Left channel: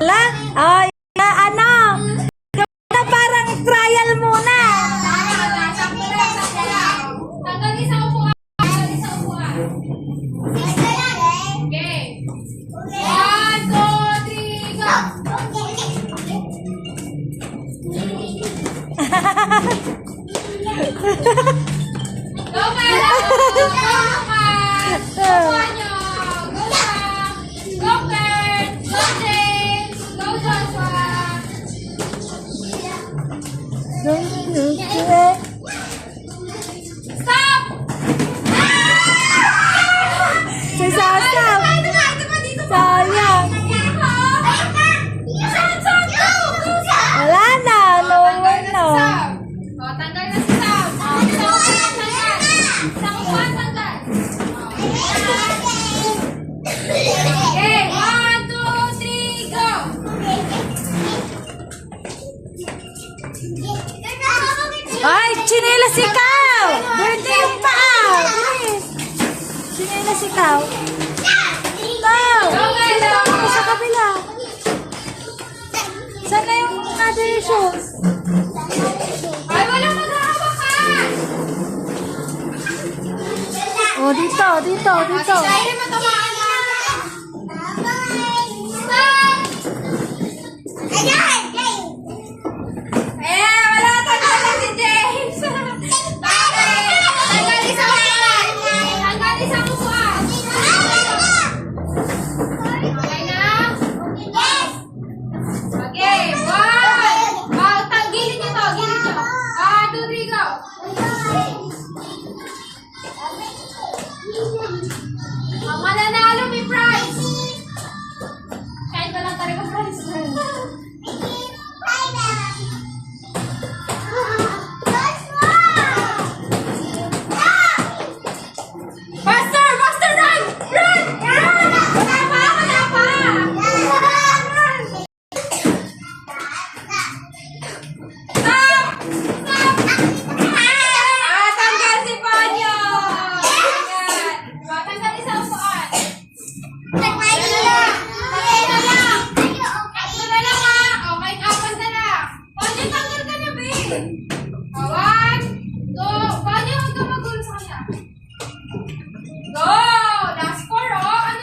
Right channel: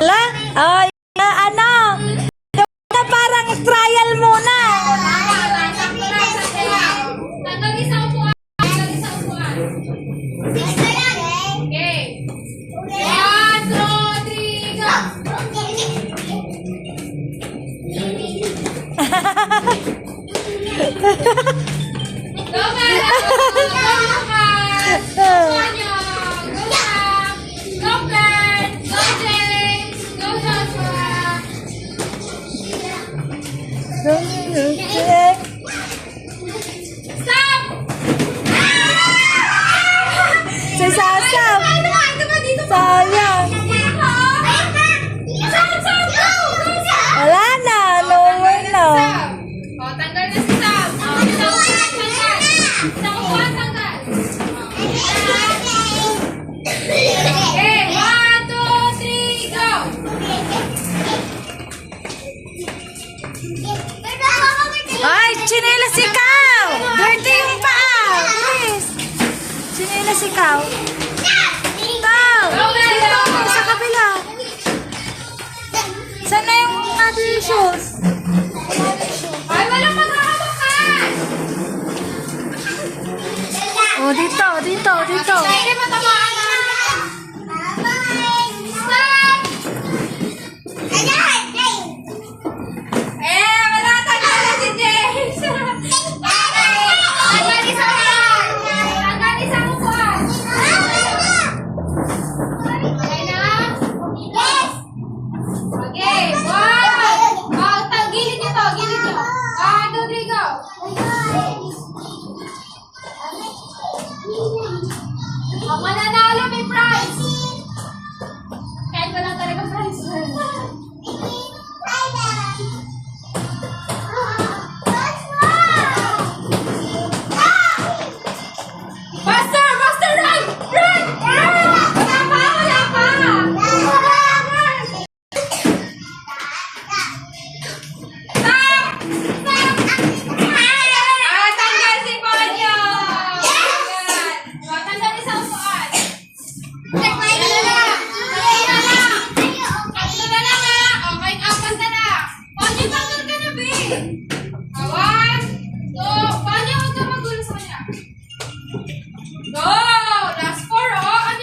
Wala? Ay, uh, ano? Na parang trial muna. Go, Mara! Go, Mara! Chinelas ikaw! Dirty yung paa! Please! Chinelas ikaw. Ito! Dito! Sa kabila! Saan na yung other shoes? Ay, walang magkakabukan! O, oh, dito, dito, dito. Ay, dito! Go.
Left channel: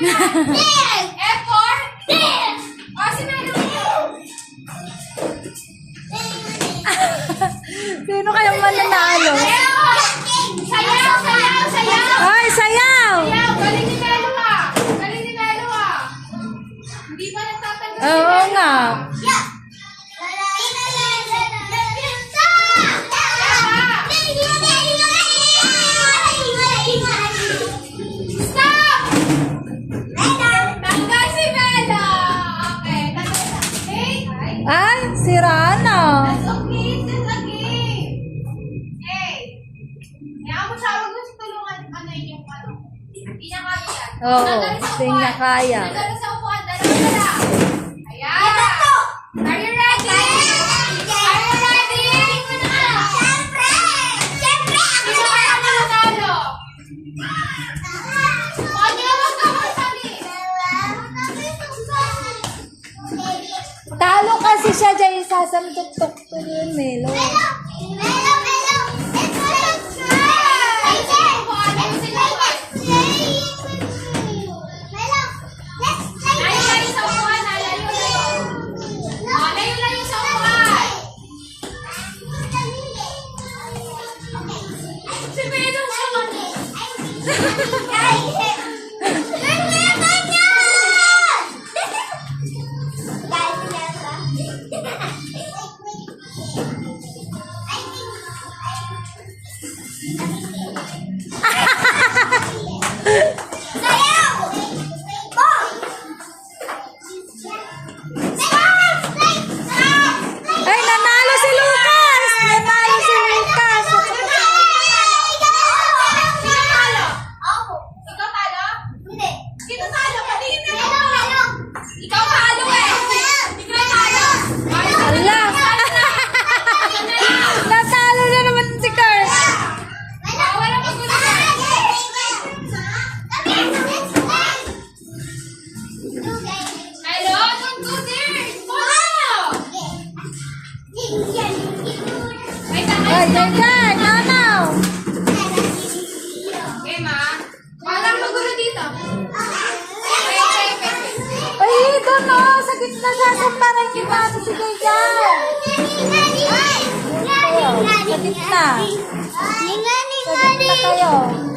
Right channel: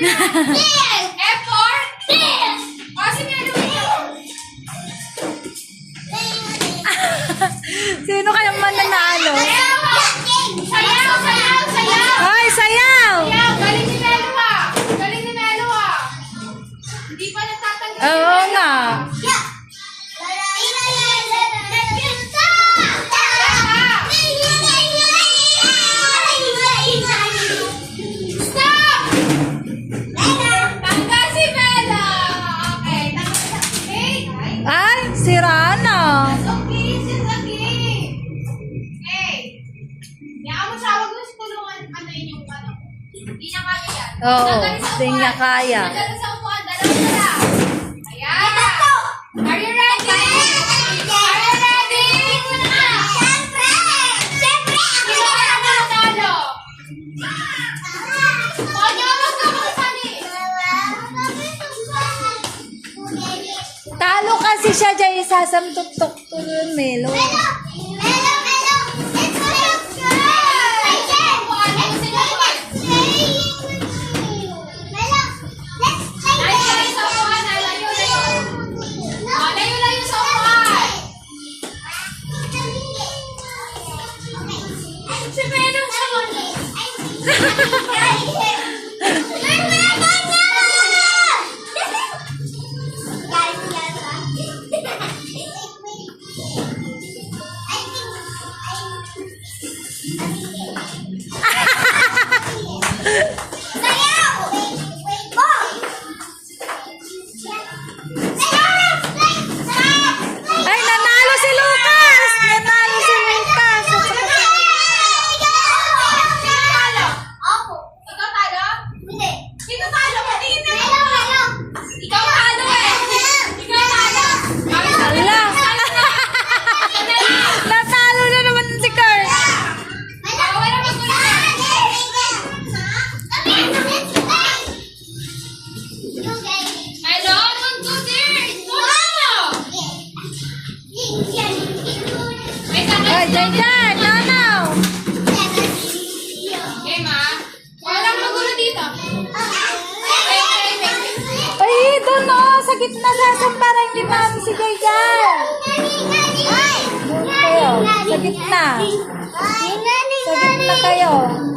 yes! F for? Yes! O, si Melo. Sino kayang mananalo? Yes! Hindi na kaya yan. Oo, hindi niya kaya. Nagano sa upuan, dalawa na lang. Ayan. Talo kasi siya dyan, isasamtok-tok to yun, Melo. Melo! Ay, dyan, dyan! Nanaw! Okay, ma. Walang magulo dito. Ay, doon o. Sa gitna sa akin para hindi pa ako si Jay dyan. Doon kayo. Sa gitna. Sa gitna kayo.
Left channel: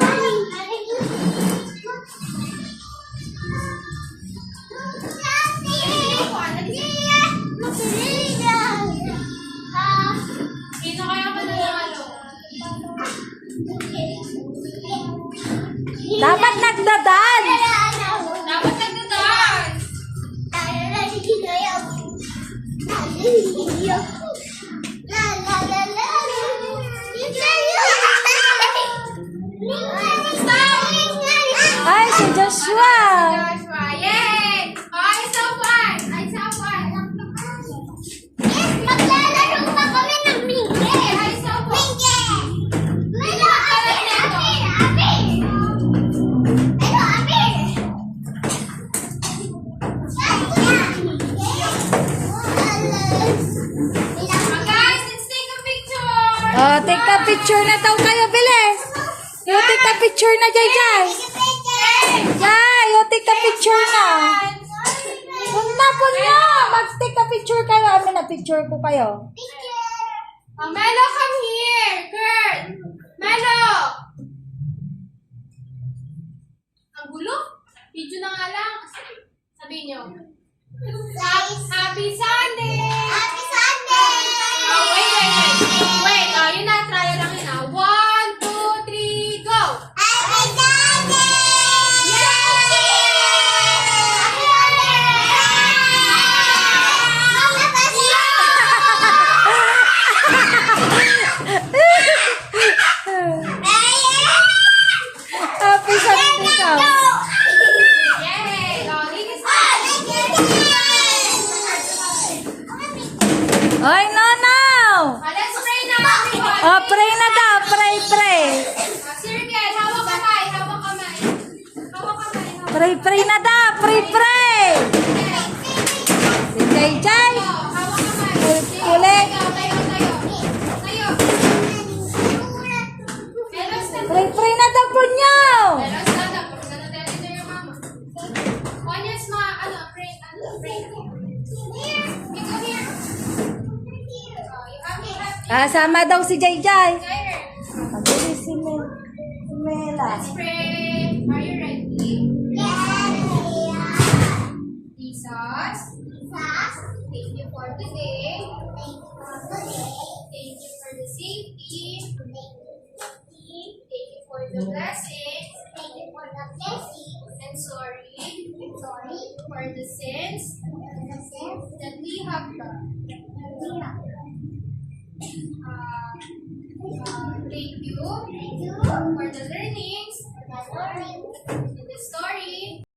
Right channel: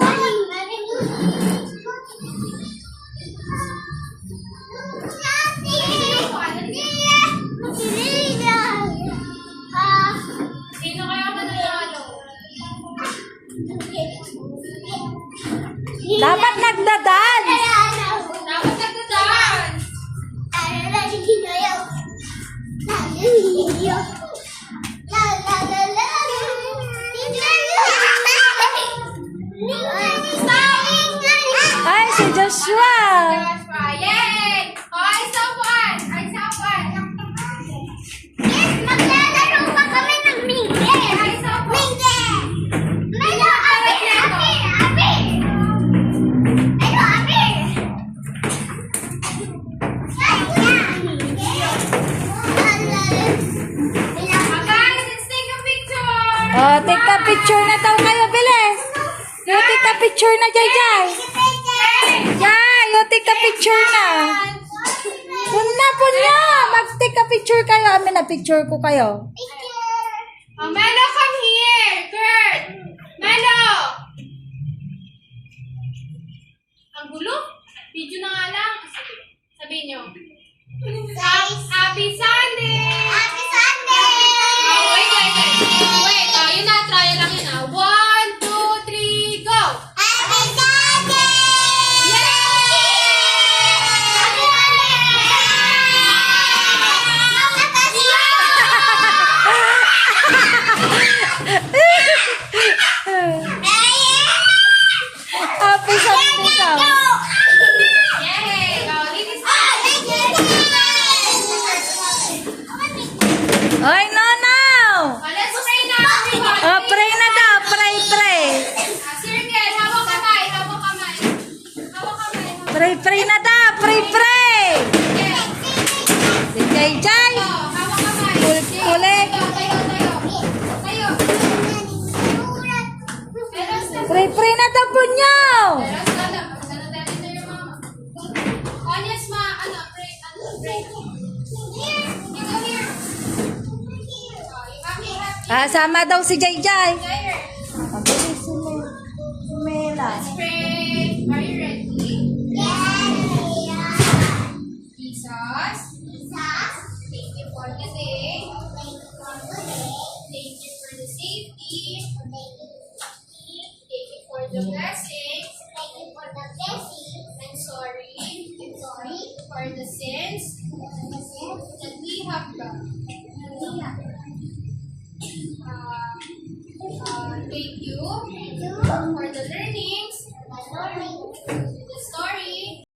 Dapat nagdadance. Dapat nagda-dance. Ay, si Joshua. Joshua, yay! Oh, ay, saupuan. Ay, saupuan. Ay, saupuan. Oh, take a picture na daw kayo, bilis. You take a picture na, Jai Jai. Jai, you take a picture na. Punna po niya. Mag-take a picture kayo. Amin na picture ko kayo. Oh, Melo, come here. Kurt. Melo. Ang gulo? Video na nga lang. Sabihin nyo. Happy Sunday! Ay, no, no. Oh, let's pray na. Oh, pray na daw. Pray, pray. Ah, Circle, hawak kamay, hawak kamay. Hawak kamay, hawak Pray, pray na daw. Pray, pray. Si. Oh, hawak kamay. Kulit. Tayo, tayo, tayo. Pray, pray na daw po niyo. You have. Ah, daw si Jai Jai. There. Mabilis si Mel. Si Mela. Are you ready? Jesus, thank you for today. Thank you for the safety. Thank you for the blessings. And sorry for the sins that we have done.